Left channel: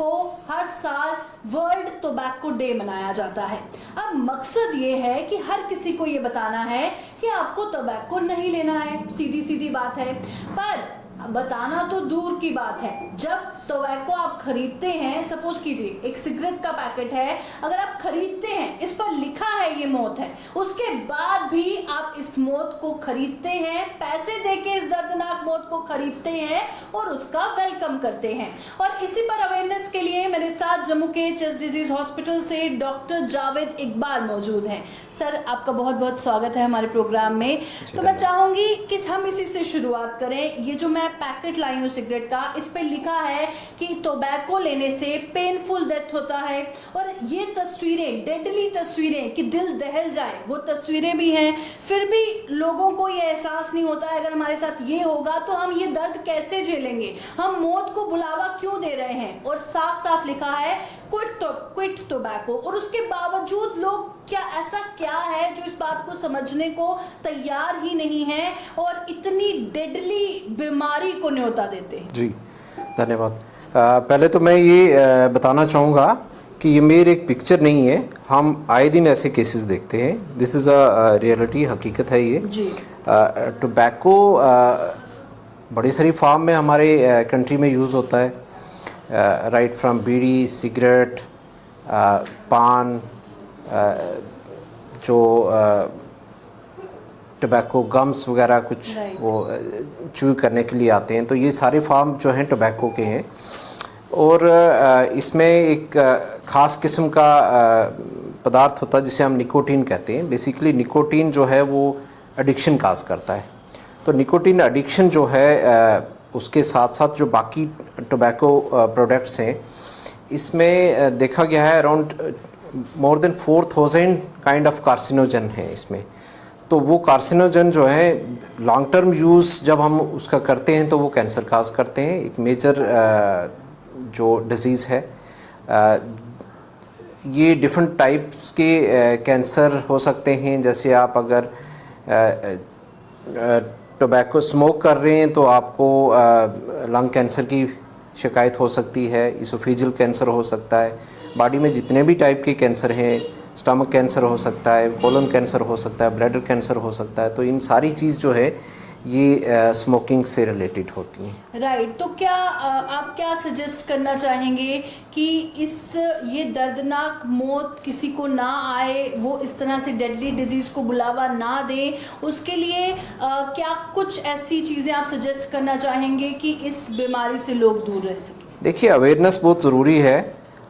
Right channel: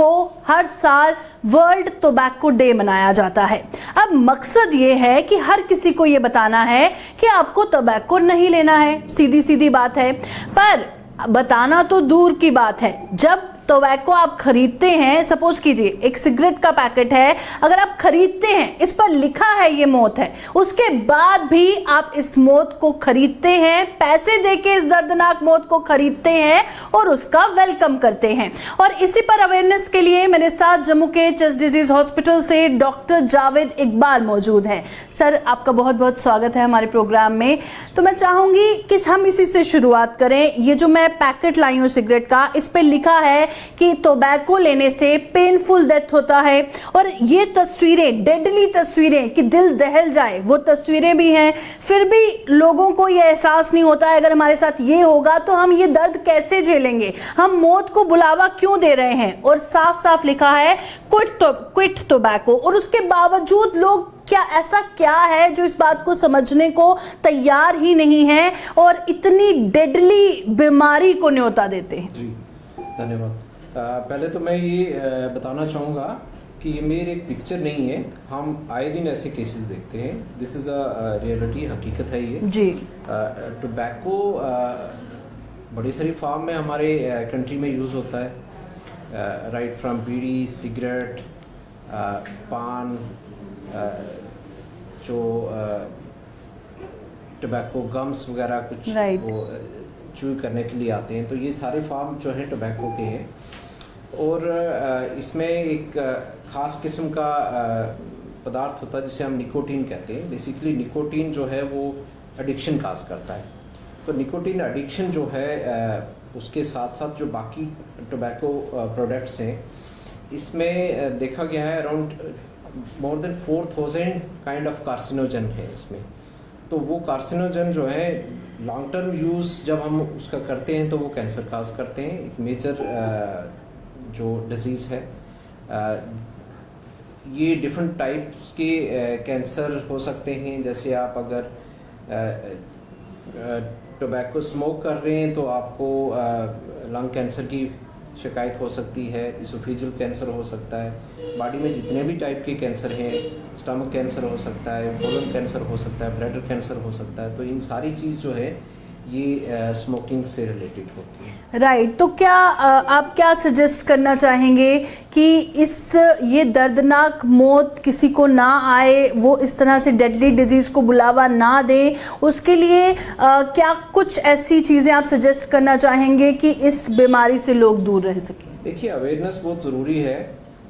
को हर साल world tobacco day मनाया जाता है। अब मकसद ये है कि हर किसी को ये बताना है कि आपको टोबैको नहीं लेना है, सीधी सीधी बात है। पर बताना तो दूर की बात है, जब टोबैको आप खरीदते हैं, सपोज कीजिए एक सिगरेट का पैकेट है, अगर आप खरीदते हैं, इस पर लिखा है ये मौत है, उसके बाद भी आप इस मौत को खरीदते हैं, पैसे देके इस दर्दनाक मौत को खरीदते हैं और उसका वेलकम करते हैं। और इसी पर अवेयरनेस के लिए मेरे साथ जम्मू के चेस्ट डिजीज हॉस्पिटल से डॉक्टर जावेद इकबाल मौजूद हैं। सर, आपका बहुत बहुत स्वागत है हमारे प्रोग्राम में। तो मैं चाहूंगी कि हम इसी से शुरुआत करें। ये जो मैं पैकेट लाई हूँ सिगरेट का, इस पे लिखा है कि टोबैको लेने से पेनफुल डेथ होता है, और ये तस्वीरें, डेडली तस्वीरें कि दिल दहल जाए, वो तस्वीरें भी हैं। फिर भी लोगों को ये एहसास नहीं होता है अगर हमारे साथ ये होगा तो हम ये दर्द कैसे झेलेंगे, हम मौत को बुलावा क्यों दे रहे हैं। और साफ साफ लिखा है क्विट टोबैको, और उसके बावजूद लोग ऐसा क्या है जो इस बात को समझने को तैयार ही नहीं है और इतनी डेडली बीमारी को न्योता देते हैं। जी धन्यवाद। पहले तो मैं ये बताना चाहूँगा कि ये मेरी एक पिक्चर नहीं है, हम आए दिन ऐसे केसेस देखते हैं। दिस इज़ अ रियलिटी, हकीकत है ये जी। टोबैको बड़ी सारी फॉर्म में हमारे कंट्री में यूज़ होता है, राइट फ्रॉम बीड़ी, सिगरेट, पान, जो टोबैको गम्स वगैरह कुछ वो च्यू करने के लिए आते हैं। तो ये सारे फार्म जो हैं टोबैको के हैं, और इसमें एक ख़ास किस्म का पदार्थ होता है जिसे हम निकोटीन कहते हैं। बेसिकली निकोटीन जो है वो एडिक्शन काज करता है। तो निकोटीन एडिक्शन जो है उसके साथ साथ जो बाकी टोबैको प्रोडक्ट्स हैं, इसमें देखा गया है around more than 4000 kind of carcinogen है इसमें। तो वो कार्सिनोजन जो है लॉन्ग टर्म यूज़ जब हम उसका करते हैं तो वो कैंसर काज करते हैं। एक मेजर जो डिजीज़ है, ये डिफरेंट टाइप्स के कैंसर हो सकते हैं। जैसे आप अगर टोबैको स्मोक कर रहे हैं तो आपको लंग कैंसर की शिकायत हो सकती है, इसोफेजियल कैंसर हो सकता है, बॉडी में जितने भी टाइप के कैंसर हैं, स्टमक कैंसर हो सकता है, कोलन कैंसर हो सकता है, ब्लैडर कैंसर हो सकता है। तो इन सारी चीज़ जो है ये स्मोकिंग से रिलेटेड होती है। राइट। तो क्या आप क्या सजेस्ट करना चाहेंगे कि ये दर्दनाक मौत किसी को ना आए, वो इस तरह से डेडली डिजीज को बुलावा ना दे, उसके लिए क्या कुछ ऐसी चीज़ें आप सजेस्ट करना चाहेंगे कि इस बीमारी से लोग दूर रह सकें? देखिए, अवेयरनेस बहुत ज़रूरी है।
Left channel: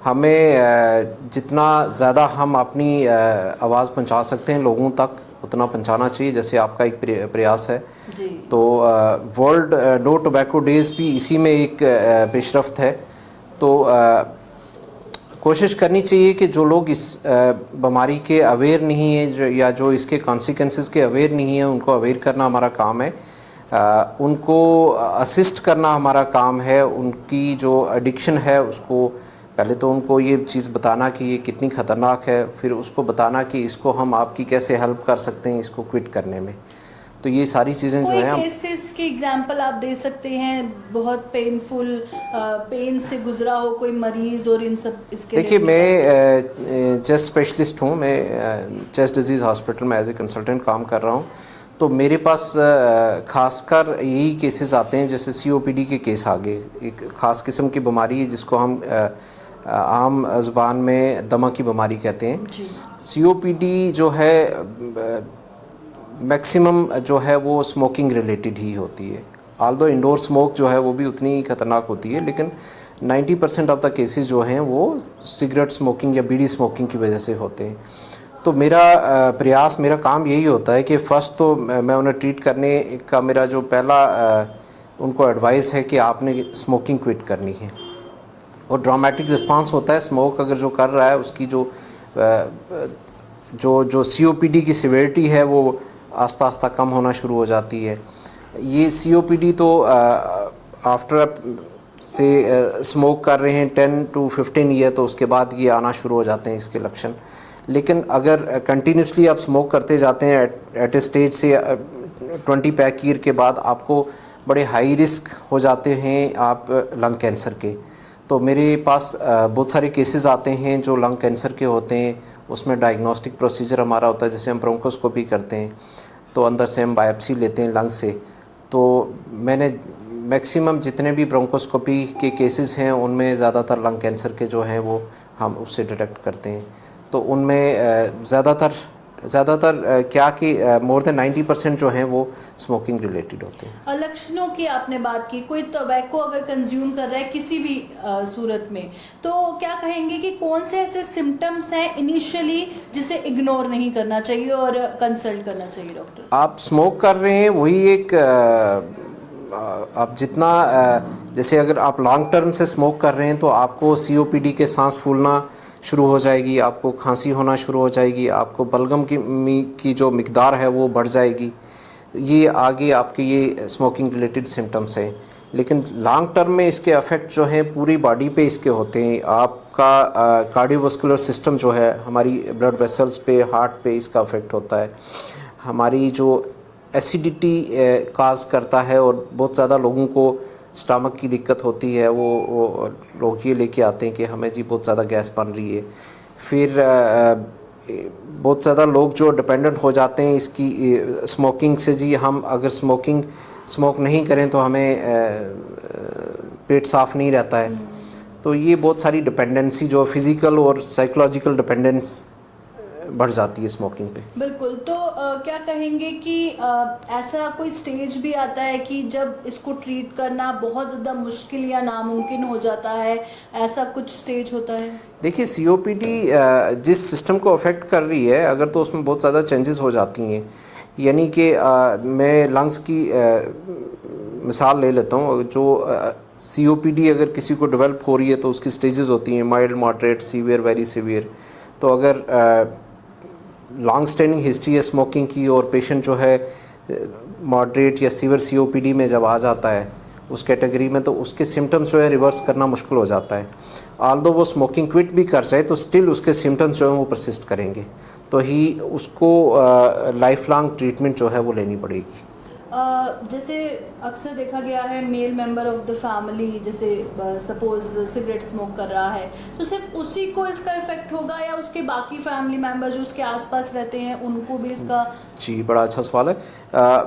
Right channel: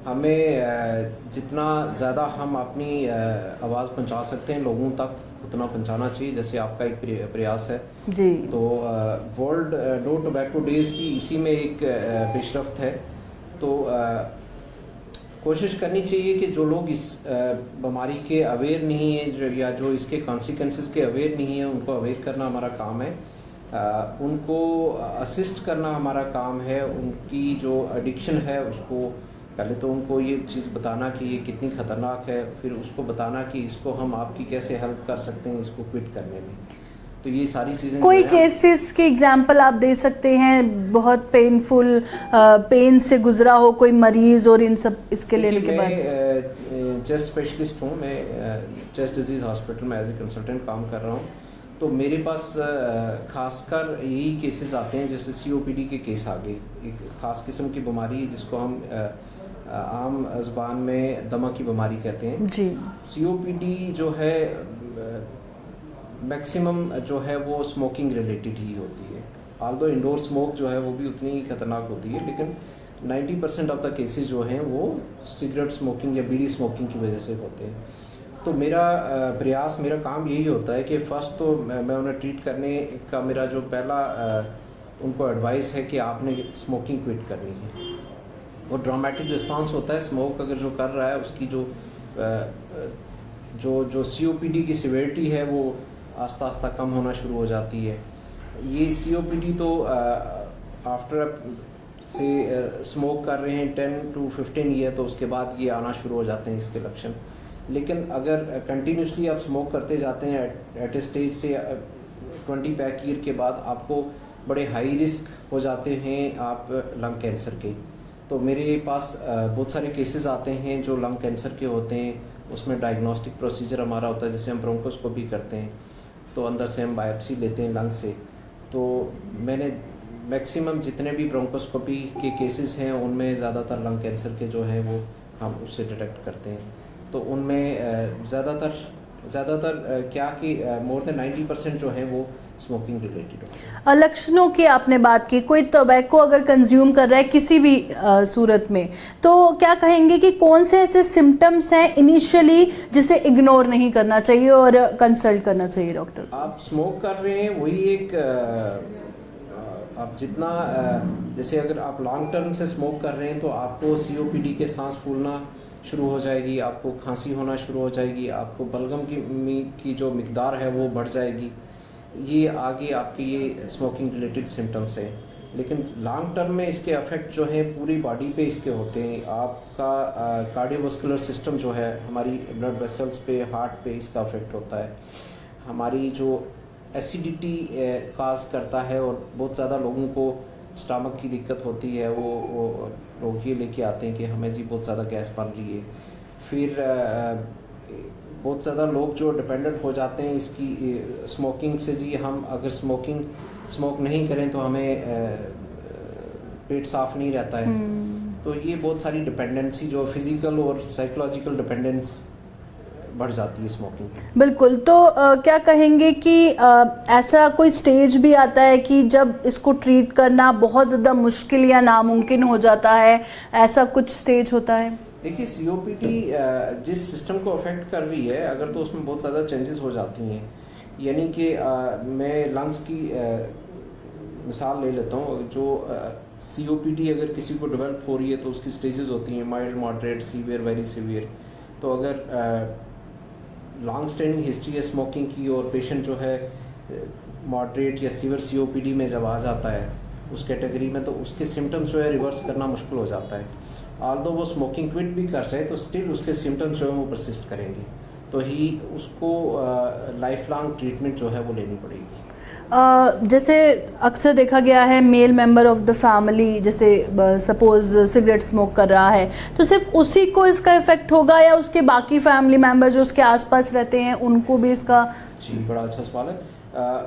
हमें जितना ज़्यादा हम अपनी आवाज़ पहुंचा सकते हैं लोगों तक, उतना पहुंचाना चाहिए, जैसे आपका एक प्रयास है जी। तो वर्ल्ड नो टोबैको डेज भी इसी में एक पेशरफ्त है। तो कोशिश करनी चाहिए कि जो लोग इस बीमारी के अवेयर नहीं है या जो इसके कॉन्सिक्वेंसेस के अवेयर नहीं है, उनको अवेयर करना हमारा काम है। उनको असिस्ट करना हमारा काम है। उनकी जो एडिक्शन है उसको पहले तो उनको ये चीज़ बताना कि ये कितनी ख़तरनाक है, फिर उसको बताना कि इसको हम आपकी कैसे हेल्प कर सकते हैं इसको क्विट करने में। तो ये सारी चीज़ें कोई केसेस के एग्जांपल आप दे सकते हैं, बहुत पेनफुल पेन से गुजरा हो कोई मरीज, और इन सब इसके लिए? देखिए, मैं चेस्ट स्पेशलिस्ट हूँ, मैं चेस्ट डिजीज़ हॉस्पिटल में एज ए कंसल्टेंट काम कर रहा हूँ। तो मेरे पास खासकर यही केसेस आते हैं, जैसे COPD के केस आ गए। एक ख़ास किस्म की बीमारी है जिसको हम आम ज़ुबान में दमा की बीमारी कहते हैं जी। COPD जो है मैक्सिमम जो है वो स्मोकिंग रिलेटेड ही होती है। ऑल्दो इंडोर स्मोक जो है वो भी उतनी खतरनाक होती है, लेकिन 90% ऑफ द केसेस जो हैं वो सिगरेट स्मोकिंग या बीड़ी स्मोकिंग की वजह से होते हैं। तो मेरा प्रयास, मेरा काम यही होता है कि फ़र्स्ट तो मैं उन्हें ट्रीट करने का मेरा जो पहला उनको एडवाइस है कि आपने स्मोकिंग क्विट करनी है। और ड्रामेटिक रिस्पांस होता है, स्मोक अगर जो कर रहा है उसकी जो COPD की सिवियरिटी है वो आस्ता आस्ता कम होना शुरू हो जाती है। ये COPD तो आफ्टर से स्मोक कर रहे हैं 10 to 15 ईयर, तो उसके बाद ये आना शुरू हो जाते हैं इसके लक्षण। लेकिन अगर कंटिन्यूसली आप स्मोक करते जाते हैं एट ए स्टेज से 20 पैक ईयर के बाद आपको बड़े हाई रिस्क हो जाते हैं आप लंग कैंसर के। तो मेरे पास बहुत सारे केसेस आते हैं जो लंग कैंसर के होते हैं। उसमें डायग्नोस्टिक प्रोसीजर हमारा होता है, जैसे हम ब्रोंकोस्कोपी करते हैं तो अंदर से हम बायोप्सी लेते हैं लंग से। तो मैंने मैक्सिमम जितने भी ब्रोंकोस्कोपी के केसेस हैं उनमें ज़्यादातर लंग कैंसर के जो हैं वो हम उससे डिटेक्ट करते हैं। तो उनमें ज़्यादातर क्या कि मोर देन 90% जो हैं वो स्मोकिंग रिलेटेड होते हैं। लक्षणों की आपने बात की, कोई टोबैको अगर कंज्यूम कर रहा है किसी भी सूरत में, तो क्या कहेंगे कि कौन से ऐसे सिम्टम्स हैं इनिशियली जिसे इग्नोर नहीं करना चाहिए और कंसल्ट करना चाहिए डॉक्टर? आप स्मोक कर रहे हैं वही एक आप जितना जैसे अगर आप लॉन्ग टर्म से स्मोक कर रहे हैं तो आपको COPD के सांस फूलना शुरू हो जाएगी, आपको खांसी होना शुरू हो जाएगी, आपको बलगम की जो मिकदार है वो बढ़ जाएगी। ये आगे आपके ये स्मोकिंग रिलेटेड सिम्टम्स हैं। लेकिन लॉन्ग टर्म में इसके इफ़ेक्ट जो हैं पूरी बॉडी पे इसके होते हैं। आपका कार्डियोवास्कुलर सिस्टम जो है, हमारी ब्लड वेसल्स पे, हार्ट पे इसका इफ़ेक्ट होता है। हमारी जो एसिडिटी काज करता है और बहुत ज़्यादा लोगों को स्टमक की दिक्कत होती है, वो लोग ये लेके आते हैं कि हमें जी बहुत ज़्यादा गैस बन रही है। फिर बहुत ज़्यादा लोग जो डिपेंडेंट हो जाते हैं इसकी स्मोकिंग से, जी हम अगर स्मोक नहीं करें तो हमें पेट साफ नहीं रहता है। तो ये बहुत सारी डिपेंडेंसी जो फिज़िकल और साइकोलॉजिकल डिपेंडेंस बढ़ जाती है स्मोकिंग पे। बिल्कुल। तो क्या कहेंगे कि ऐसा कोई स्टेज भी आता है कि जब इसको ट्रीट करना बहुत ज़्यादा मुश्किल या नामुमकिन हो जाता है, ऐसा कुछ स्टेज होता है? देखिए COPD जिस सिस्टम को अफेक्ट कर रही है अगर, तो उसमें बहुत ज़्यादा चेंजेस हो जाती हैं। यानी कि मैं लंग्स की मिसाल ले लेता हूँ। जो COPD अगर किसी को डेवलप हो रही है तो उसकी स्टेजेस होती हैं, mild, moderate, severe, very severe. तो अगर लॉन्ग स्टैंडिंग हिस्ट्री है स्मोकिंग की और पेशेंट जो है मॉडरेट या सीवियर COPD में जब आ जाता है उस कैटेगरी में, तो उसके सिम्टम्स जो है रिवर्स करना मुश्किल हो जाता है। ऑल्दो वो स्मोकिंग क्विट भी कर जाए तो स्टिल उसके सिम्टम्स जो हैं वो परसिस्ट करेंगे, तो ही उसको लाइफ लॉन्ग ट्रीटमेंट जो है वो लेनी पड़ेगी। जैसे अक्सर देखा गया है male member of the family, जैसे सपोज सिगरेट स्मोक कर रहा है तो सिर्फ उसी को इसका इफेक्ट होगा या उसके बाकी फैमिली मेंबर जो उसके आसपास रहते हैं उनको भी इसका? जी, बड़ा अच्छा सवाल है।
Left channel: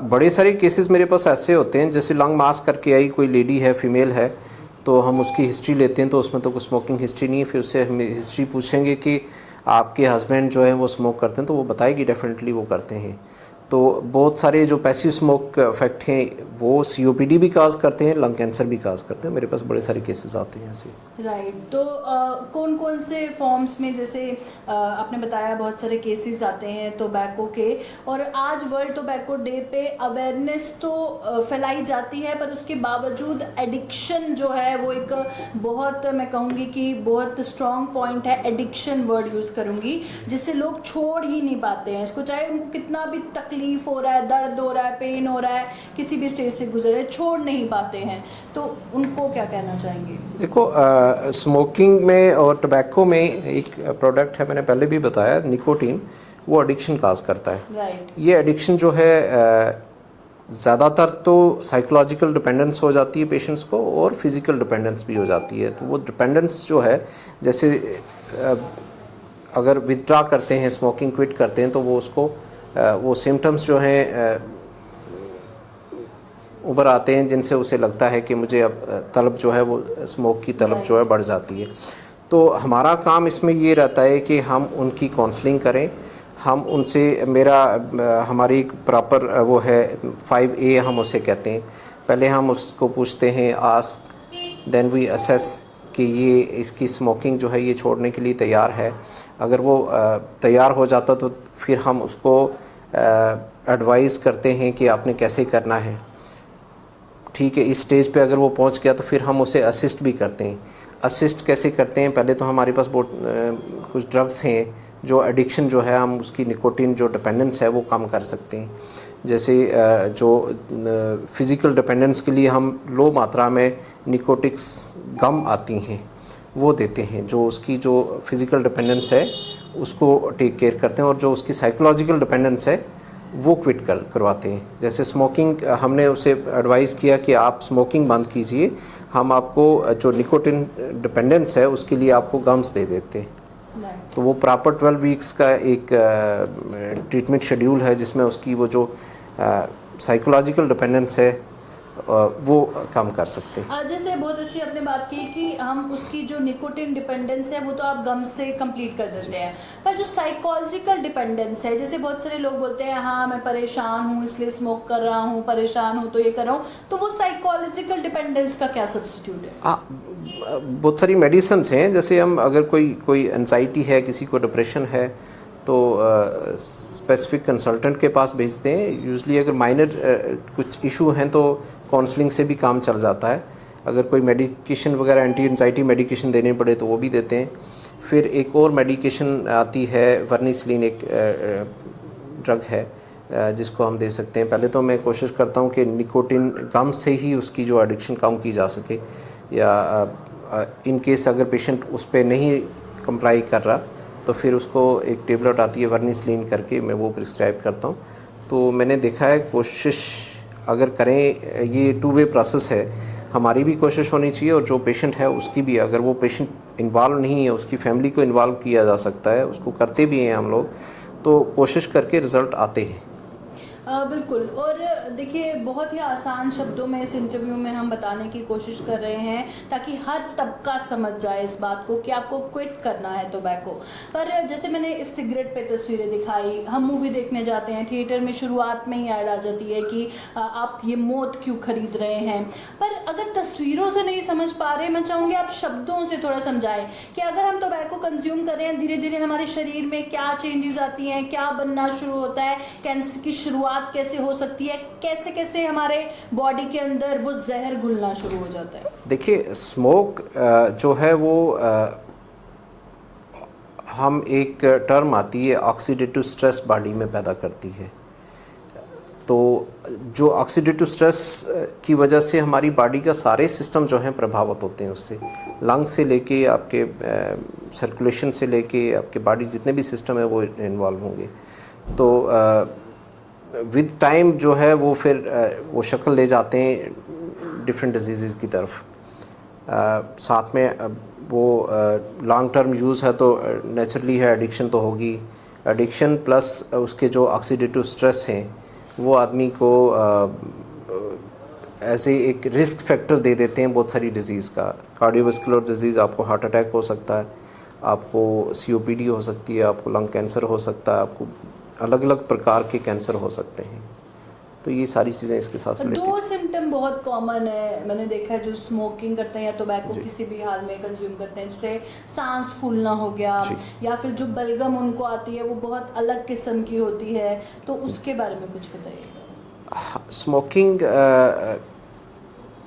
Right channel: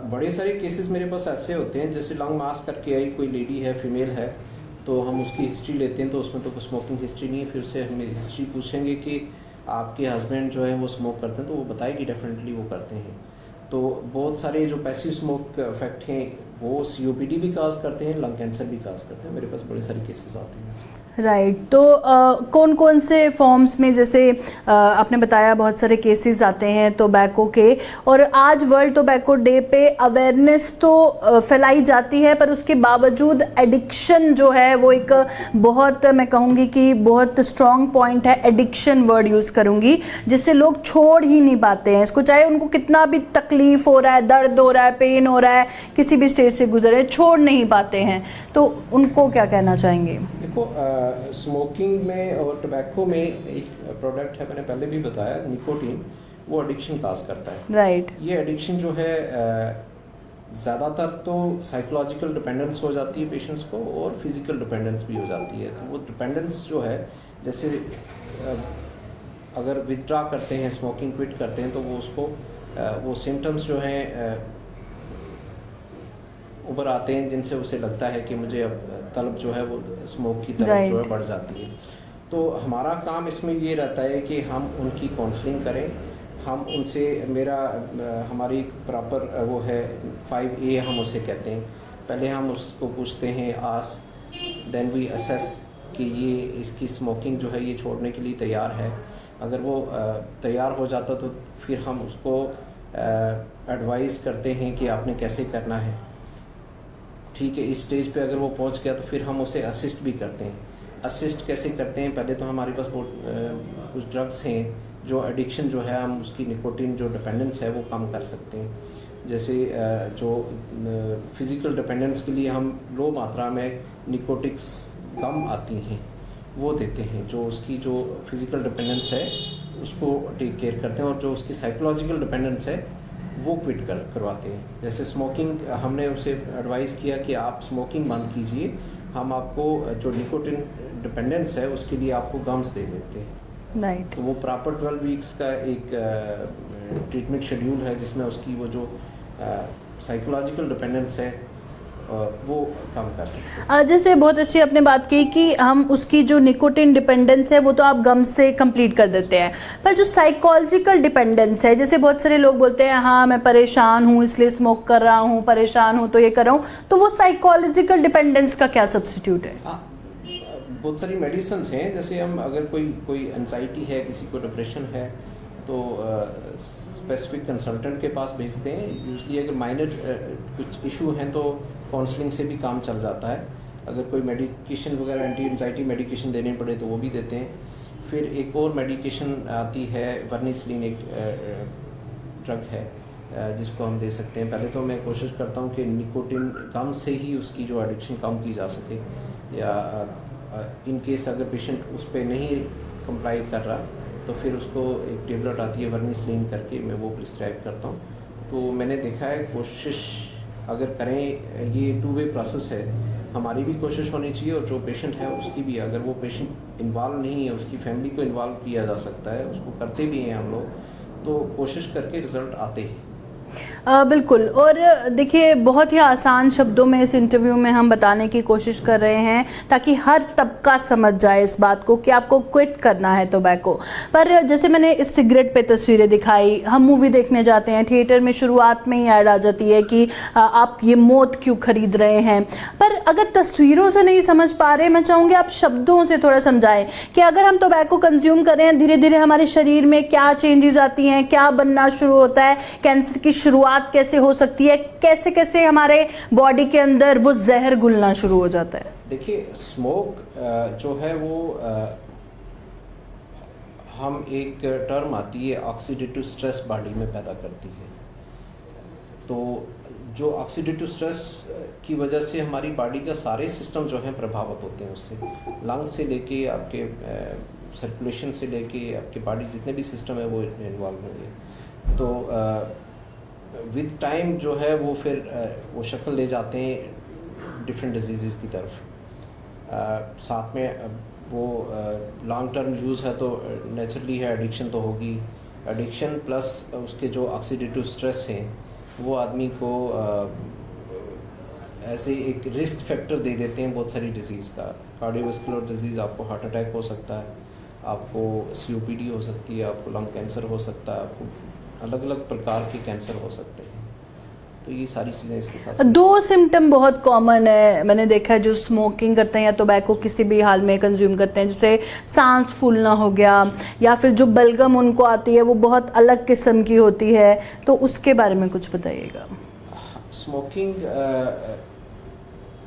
बड़े सारे केसेस मेरे पास ऐसे होते हैं, जैसे लंग मास करके आई कोई लेडी है, फीमेल है, तो हम उसकी हिस्ट्री लेते हैं तो उसमें तो कोई स्मोकिंग हिस्ट्री नहीं है। फिर उससे हम हिस्ट्री पूछेंगे कि आपके हस्बैंड जो है वो स्मोक करते हैं, तो वो बताएगी डेफिनेटली वो करते हैं। तो बहुत सारे जो पैसिव स्मोक इफेक्ट हैं वो COPD भी काज करते हैं, लंग कैंसर भी काज करते हैं। मेरे पास बड़े सारे केसेस आते हैं ऐसे। राइट। तो कौन कौन से फॉर्म्स में, जैसे आपने बताया बहुत सारे केसेस आते हैं टोबैको के, और आज वर्ल्ड टोबैको डे पे अवेयरनेस तो फैलाई जाती है पर उसके बावजूद एडिक्शन जो है वो एक बहुत, मैं कहूँगी कि बहुत स्ट्रॉन्ग पॉइंट है, एडिक्शन वर्ड यूज़ करूँगी, जिससे लोग छोड़ ही नहीं पाते हैं इसको, चाहे उनको कितना भी तकलीफ हो रहा है, दर्द हो रहा है, पेन हो रहा है, किसी भी स्टेज से गुजरे, छोड़ नहीं पाते हैं। तो उनको क्या कहना चाहेंगे? देखो स्मोकिंग में और टबैको में एक प्रोडक्ट है, मैंने पहले भी बताया, निकोटीन, वो एडिक्शन काज करता है। राइट। ये एडिक्शन जो है ज़्यादातर तो साइकोलॉजिकल डिपेंडेंस हो जाती है पेशेंट्स को और फिज़िकल डिपेंडेंस भी हो जाती है। तो वो डिपेंडेंस जो है, जैसे अगर विथड्रॉ करते हैं, स्मोकिंग क्विट करते हैं, तो वो उसको वो सिम्टम्स जो हैं उभर आते हैं जिनसे उसे लगता है कि मुझे अब तलब जो है वो स्मोक की तलब जो है बढ़ जाती है। तो हमारा काम इसमें ये रहता है कि हम उनकी काउंसलिंग करें, हम उनसे हमारी एक प्रॉपर वो है 5A हम उसे कहते हैं। पहले हम उसको पूछते हैं, आस्क देन वी असेस कि ये इसकी स्मोकिंग जो है ये छोड़ने के लिए तैयार है। अगर वो तैयार हो जाता तो फिर हम उसको एडवाइस करते हैं कि आपने कैसे करना है। ठीक है, इस स्टेज पे अगर वो पहुंच गया तो फिर हम उसे असिस्ट भी करते हैं। असिस्ट कैसे करते हैं? पहले तो हमारे पास बहुत कुछ ड्रग्स हैं जो एडिक्शन जो है, हम उसकी निकोटीन जो डिपेंडेंस है वो कम कर सकते हैं। जैसे जो फिज़िकल डिपेंडेंस के लिए हम लो मात्रा में निकोटिक्स गम आती हैं वो देते हैं, जो उसकी जो फिज़िकल डिपेंडेंस है उसको टेक केयर करते हैं। और जो उसकी साइकोलॉजिकल डिपेंडेंस है वो क्विट करवाते हैं। जैसे स्मोकिंग, हमने उसे एडवाइस किया कि आप स्मोकिंग बंद कीजिए, हम आपको जो निकोटिन डिपेंडेंस है उसके लिए आपको गम्स दे देते हैं। राइट। तो वो प्रॉपर 12 वीक्स का एक ट्रीटमेंट शेड्यूल है जिसमें उसकी वो जो साइकोलॉजिकल डिपेंडेंस है वो कम कर सकते हैं। जैसे बहुत अच्छी आपने बात की कि हम उसकी जो निकोटिन डिपेंडेंस है वो तो आप गम से कंप्लीट कर देते हैं, पर जो साइकोलॉजिकल डिपेंडेंस है, जैसे बहुत सारे लोग बोलते हैं हाँ मैं परेशान हूँ इसलिए स्मोक कर रहा हूँ, परेशान हूँ तो ये कर रहा हूँ, तो वो साइकोलॉजिकल डिपेंडेंस का क्या सब्स्टिट्यूट है? बहुत सारी मेडिसिन हैं। जैसे हम अगर कोई एंजाइटी है, किसी को डिप्रेशन है, तो स्पेसिफिक कंसल्टेंट के पास भेजते हैं। यूजली अगर माइनर कुछ इशू हैं तो काउंसलिंग से भी काम चल जाता है। अगर कोई मेडिकेशन वगैरह एंटी एंजाइटी मेडिकेशन देने पड़े तो वो भी देते हैं। फिर एक और मेडिकेशन आती है, वर्निसलीन एक ड्रग है जिसको हम दे सकते हैं। पहले तो मैं कोशिश करता हूँ कि निकोटिन कम से ही उसकी जो एडिक्शन कम की जा सके, या इन केस अगर पेशेंट उस पर नहीं कंप्लाई कर रहा तो फिर उसको एक टेबलेट आती है वर्निसलीन करके, मैं वो प्रिस्क्राइब करता हूँ। तो मैंने देखा है, कोशिश अगर करें, ये 2 वे प्रोसेस है, हमारी भी कोशिश होनी चाहिए और जो पेशेंट है उसकी भी। अगर वो पेशेंट इन्वॉल्व नहीं है, उसकी फैमिली को इन्वॉल्व किया जा सकता है, उसको करते भी हैं हम लोग, तो कोशिश करके रिज़ल्ट आते हैं। बिल्कुल। और देखिए बहुत ही आसान शब्दों में इस इंटरव्यू में हम बताने की कोशिश कर रहे हैं ताकि हर तबका समझ जाए इस बात को कि आपको क्विट करना है टोबैको। पर जैसे मैंने इस सिगरेट पे तस्वीरें दिखाई, हम मूवी देखने जाते हैं, थिएटर में शुरुआत में ही ऐड आ जाती है कि आप ये मौत क्यों खरीद रहे हैं। पर अगर तस्वीरों से नहीं समझ पा रहे, मैं चाहूँगी आप शब्दों से थोड़ा समझाएं कि अगर हम टोबैको कंज्यूम कर रहे हैं, धीरे धीरे हमारे शरीर में क्या चेंजेस आती हैं, क्या बनना शुरू होता है, कैंसर की शुरुआत कैसे हो सकती है, कैसे कैसे हमारे बॉडी के अंदर वो जहर घुलना शुरू हो जाता है। देखिए, स्मोक जो है वो हम एक टर्म आती है ऑक्सीडेटिव स्ट्रेस बॉडी में पैदा करती है। तो जो ऑक्सीडेटिव स्ट्रेस की वजह से हमारी बॉडी का सारे सिस्टम जो हैं प्रभावित होते हैं उससे, लंग्स से लेके आपके सर्कुलेशन से लेके आपके बॉडी जितने भी सिस्टम है वो इन्वॉल्व होंगे। तो विद टाइम जो है वो फिर वो शक्ल ले जाते हैं डिफरेंट डिजीज़ की तरफ। साथ में वो लॉन्ग टर्म यूज़ है तो नेचुरली है, एडिक्शन तो होगी। एडिक्शन प्लस उसके जो ऑक्सीडेटिव स्ट्रेस हैं वो आदमी को ऐसे एक रिस्क फैक्टर दे देते हैं बहुत सारी डिजीज़ का। कार्डियोवास्कुलर डिजीज़, आपको हार्ट अटैक हो सकता है, आपको COPD हो सकती है, आपको लंग कैंसर हो सकता है, आपको अलग अलग प्रकार के कैंसर हो सकते हैं। तो ये सारी चीज़ें इसके साथ। 2 सिम्टम बहुत कॉमन है, मैंने देखा है, जो स्मोकिंग करते हैं या टोबैको किसी भी हाल में कंज्यूम करते हैं, जैसे सांस फूलना हो गया, या फिर जो बलगम उनको आती है वो बहुत अलग किस्म की होती है, तो उसके बारे में कुछ बताइएगा। स्मोकिंग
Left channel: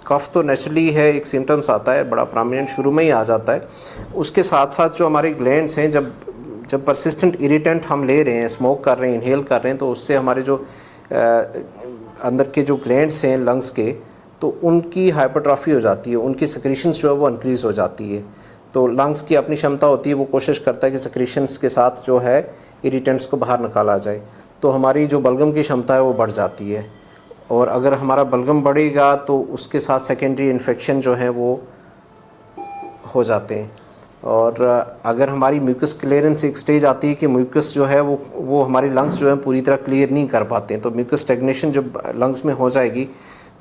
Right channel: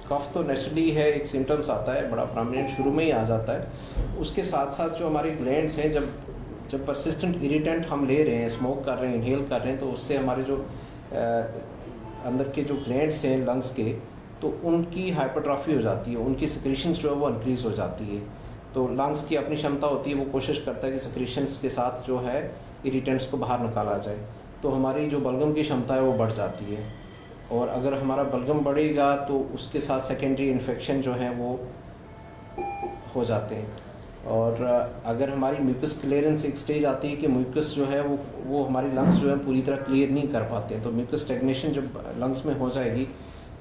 कफ तो नेचुरली है, एक सिम्टम्स आता है, बड़ा प्रोमिनेंट शुरू में ही आ जाता है। उसके साथ साथ जो हमारी ग्लैंड्स हैं, जब परसिस्टेंट इरिटेंट हम ले रहे हैं, स्मोक कर रहे हैं, इनहेल कर रहे हैं, तो उससे हमारे जो अंदर के जो ग्लैंड्स हैं लंग्स के, तो उनकी हाइपरट्रॉफी हो जाती है, उनकी सेक्रीशंस जो है वो इंक्रीज हो जाती है। तो लंग्स की अपनी क्षमता होती है, वो कोशिश करता है कि सेक्रीशंस के साथ जो है इरिटेंट्स को बाहर निकाला जाए, तो हमारी जो बलगम की क्षमता है वो बढ़ जाती है। और अगर हमारा बलगम बढ़ेगा तो उसके साथ सेकेंडरी इन्फेक्शन जो है वो हो जाते हैं। और अगर हमारी म्यूकस क्लियरेंस एक स्टेज आती है कि म्यूकस जो है वो हमारी लंग्स जो है पूरी तरह क्लियर नहीं कर पाते हैं, तो म्यूकस स्टेग्नेशन जब लंग्स में हो जाएगी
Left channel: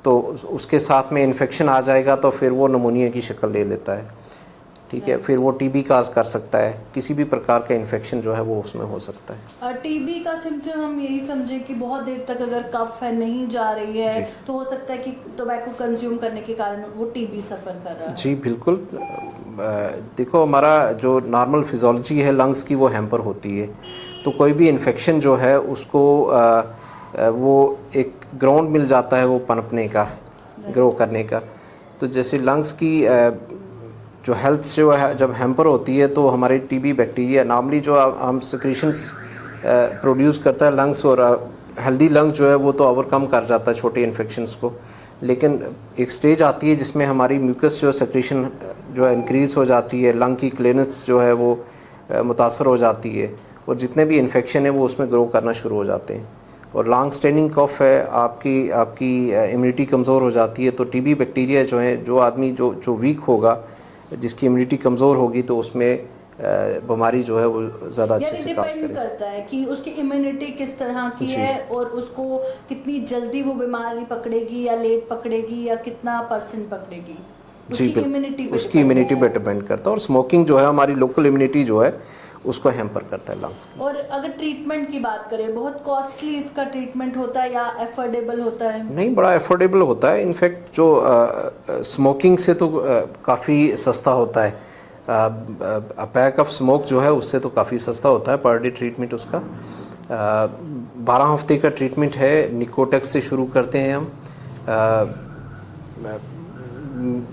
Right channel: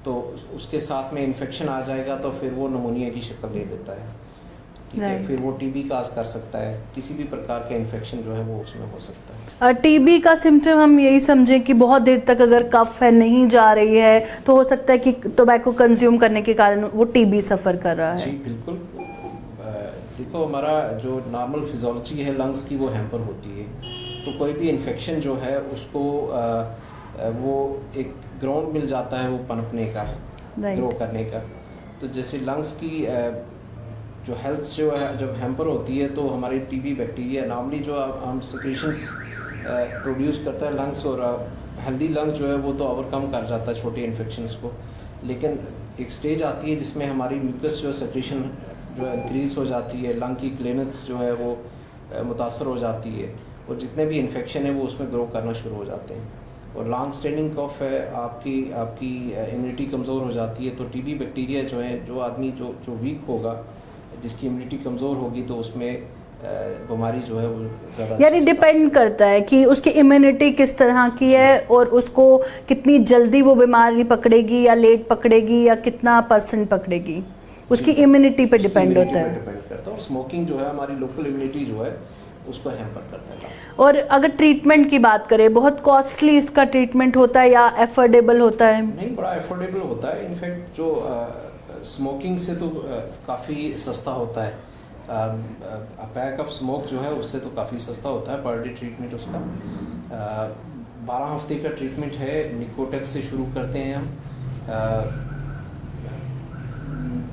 तो उसके साथ में इन्फेक्शन आ जाएगा, तो फिर वो नमूनिया की शक्ल ले लेता है। ठीक है, फिर वो TB काज कर सकता है, किसी भी प्रकार का इन्फेक्शन जो है वो उसमें हो सकता है। TB का सिम्टम हम यही समझें कि बहुत देर तक अगर कफ है नहीं जा रही है तो हो सकता है कि टोबैको कंज्यूम करने के कारण वो TB सफ़र कर रहा है। जी बिल्कुल। देखो, हमारा जो नॉर्मल फिजियोलॉजी है लंग्स की वो हैम्पर होती है, तो कोई भी इन्फेक्शन जो है उसको वो एक ग्राउंड मिल जाता है वो पनपने का, ग्रो करने का। तो जैसे लंग्स की जो हेल्थ जो है जब हैम्पर होती है तो हमारे TB बैक्टीरिया नॉर्मली जो हम सिक्रीशंस प्रोड्यूस करता है लंग्स, और हेल्दी लंग्स जो है वो तो ओवरकम कर जाता है छोटे इन्फेक्शंस को। लेकिन एक स्टेज आती है जिसमें हमारी म्यूकस जो सेक्रीशन जो है इंक्रीज़ हो जाती है, लंग की क्लीनेस जो है वो मुतासर हो जाती है, और जितने भी इन्फेक्शन है वो उसमें ग्रो करना शुरू हो जाते हैं। और लॉन्ग स्टैंडिंग कफ है, आपकी इम्यूनिटी कमज़ोर हो जाती है, तो टीबी बैक्टीरिया जो है, जो आदमी जो वीक होगा, जिसकी इम्यूनिटी कमज़ोर होगी, तो उसमें बीमारी जो है वो ज़्यादा, यानी डिपेंड करता है कि उसकी इम्यूनिटी किस तरह की है और उसको कितनी जल्दी वो बीमारी पकड़ेगी या लेट पकड़ेगी या कितना % पकड़ेगी, उसकी इम्यूनिटी पे डिपेंड करता है। और स्मोकिंग जो है हमारी लोकल इम्यूनिटी जो है उसको हैम्पर करता है लंग्स। और अगर ट्रीटमेंट की बात करें, बहुत कॉस्टली इसका ट्रीटमेंट होता है या अफोर्डेबल होता है? नहीं, बड़ा अफोर्डेबल होता है। इनफैक्ट जो स्मोकिंग से तो काफ़ी सस्ता होता है। पैक ऑफ स्मोक जो है उससे तो काफ़ी सस्ता होता है पर डे ट्रीटमेंट उसका। 12 हफ्ते का ट्रीटमेंट है। निकोटेक्स से शुरू करते हैं हम।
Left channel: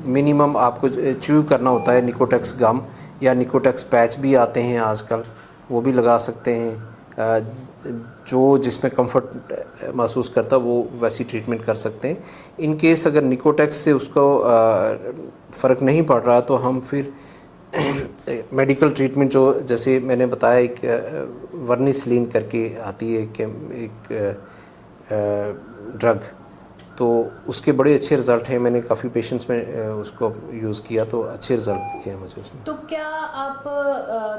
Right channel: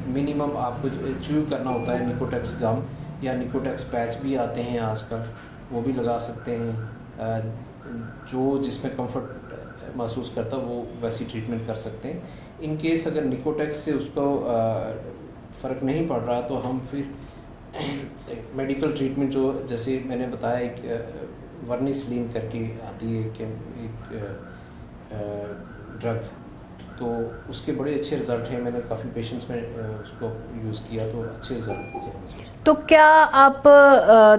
मिनिमम आपको च्यू करना होता है निकोटेक्स गम, या निकोटेक्स पैच भी आते हैं आजकल, वो भी लगा सकते हैं। जो जिसमें कंफर्ट महसूस करता है वो वैसी ट्रीटमेंट कर सकते हैं। इन केस अगर निकोटेक्स से उसको फ़र्क नहीं पड़ रहा तो हम फिर मेडिकल ट्रीटमेंट जो, जैसे मैंने बताया, एक वर्निसलीन करके आती है एक ड्रग, तो उसके बड़े अच्छे रिज़ल्ट हैं। मैंने काफ़ी पेशेंट्स में उसको यूज़ किया तो अच्छे रिज़ल्ट दिखे हैं मुझे उसमें। तो क्या आप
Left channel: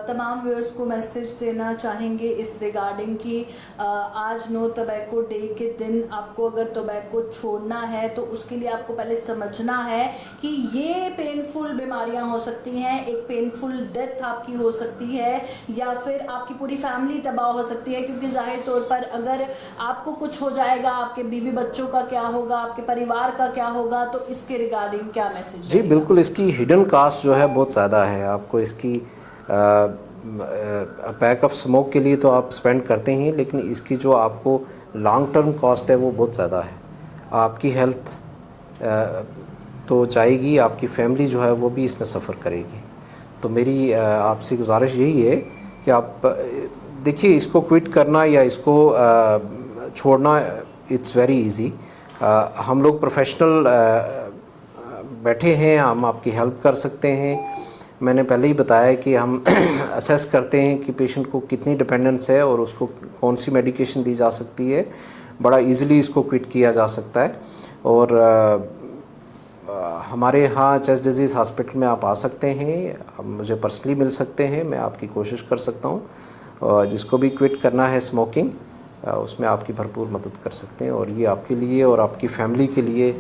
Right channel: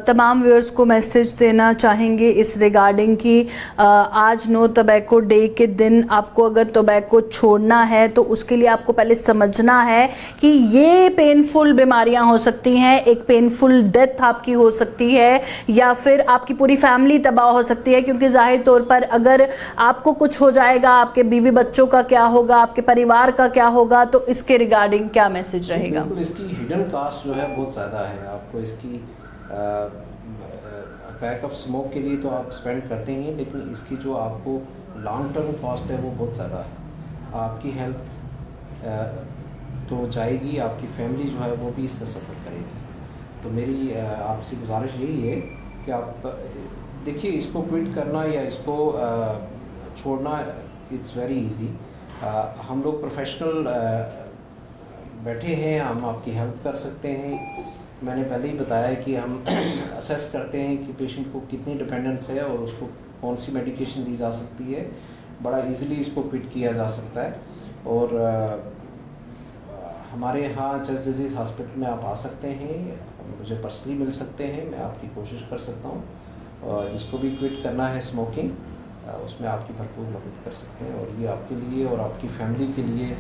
तमाम व्यूअर्स को मैसेज देना चाहेंगे इस रिगार्डिंग कि आज नो टोबैको डे के दिन आपको अगर टोबैको छोड़ना है तो उसके लिए आपको पहले समझना है कि ये पेनफुल बीमारियां हो सकती हैं, एक पेनफुल डेथ आपकी हो सकती है या फिर आपकी पूरी फैमिली तबाह हो सकती है, क्योंकि जाहिर तौर पर अगर आपको कुछ हो जाएगा, आपके बीवी बच्चों का क्या होगा, आपके परिवार का क्या होगा, तो इसके रिगार्डिंग क्या मैसेज रहेगा? जी बिल्कुल, इसकी हिडन कास्ट जो है बहुत ज़्यादा है। आपको इसकी पैक ऑफ स्मोक के लिए तो आप स्पेंड करते ही हैं, लेकिन इसकी जो आपको लॉन्ग टर्म कॉस्ट है वो बहुत ज़्यादा है। आपकी हेल्थ तो जाएगी, आपकी फैमिली जो है वो भी इसमें सफ़र करेगी। तो मेरी आपसे गुजारिश यही है कि आप देखिए, इसको क्विट करना या इसको छोड़ना इट्स वेरी इजी। हम लोग प्रोफेशनल बैठे हैं, हम आपकी हेल्प कर सकते हैं। मैंने पहले ही बताया कि हम असेस करते हैं कि पेशेंट को कितनी डिपेंडेंस है और उसको कौन सी मेडिकेशन दी जा सकती है। बड़ा इजीली इसको क्विट किया जा सकता है। और हमारे यहाँ चेस्ट डिजीज़ हॉस्पिटल में आप आ सकते हैं, मुझे पर्सनली मिल सकते हैं, मैं आपकी कोशिश कर सकता हूँ। और जिसको भी क्विट करना है स्मोकिंग, उसमें आपकी भरपूर मदद कर सकते हैं और ये आपके लिए और आपकी फैमिली के लिए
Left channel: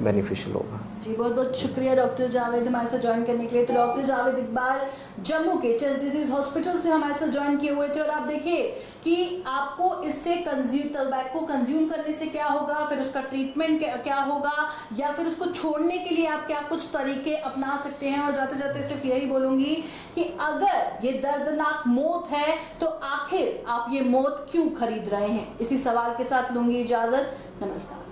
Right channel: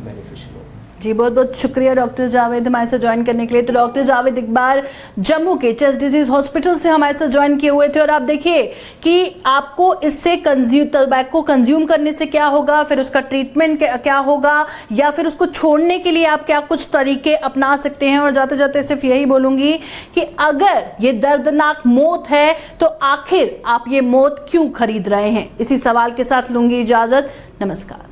बेनिफिशियल होगा। जी बहुत बहुत शुक्रिया डॉक्टर जावेद हमारे साथ ज्वाइन करने के लिए। तो डॉक्टर जावेद इकबाल जम्मू के चेस्ट डिजीज हॉस्पिटल से हमारे साथ ज्वाइन किए हुए थे। और आप देखिए कि आपको इससे टोबैको कंज्यूम करने से क्या होगा, फिर उसका ट्रीटमेंट क्या होगा, या फिर उसको छोड़ने के लिए आप क्या कुछ तरीके अपना सकते हैं। और जाते जाते सिर्फ यही बोलूंगी कि अगर ये दर्दनाक मौत है तो आखिर आप ये मौत क्यों खरीद रहे हैं। इसी सवाल के साथ लूंगी इजाजत। नमस्कार।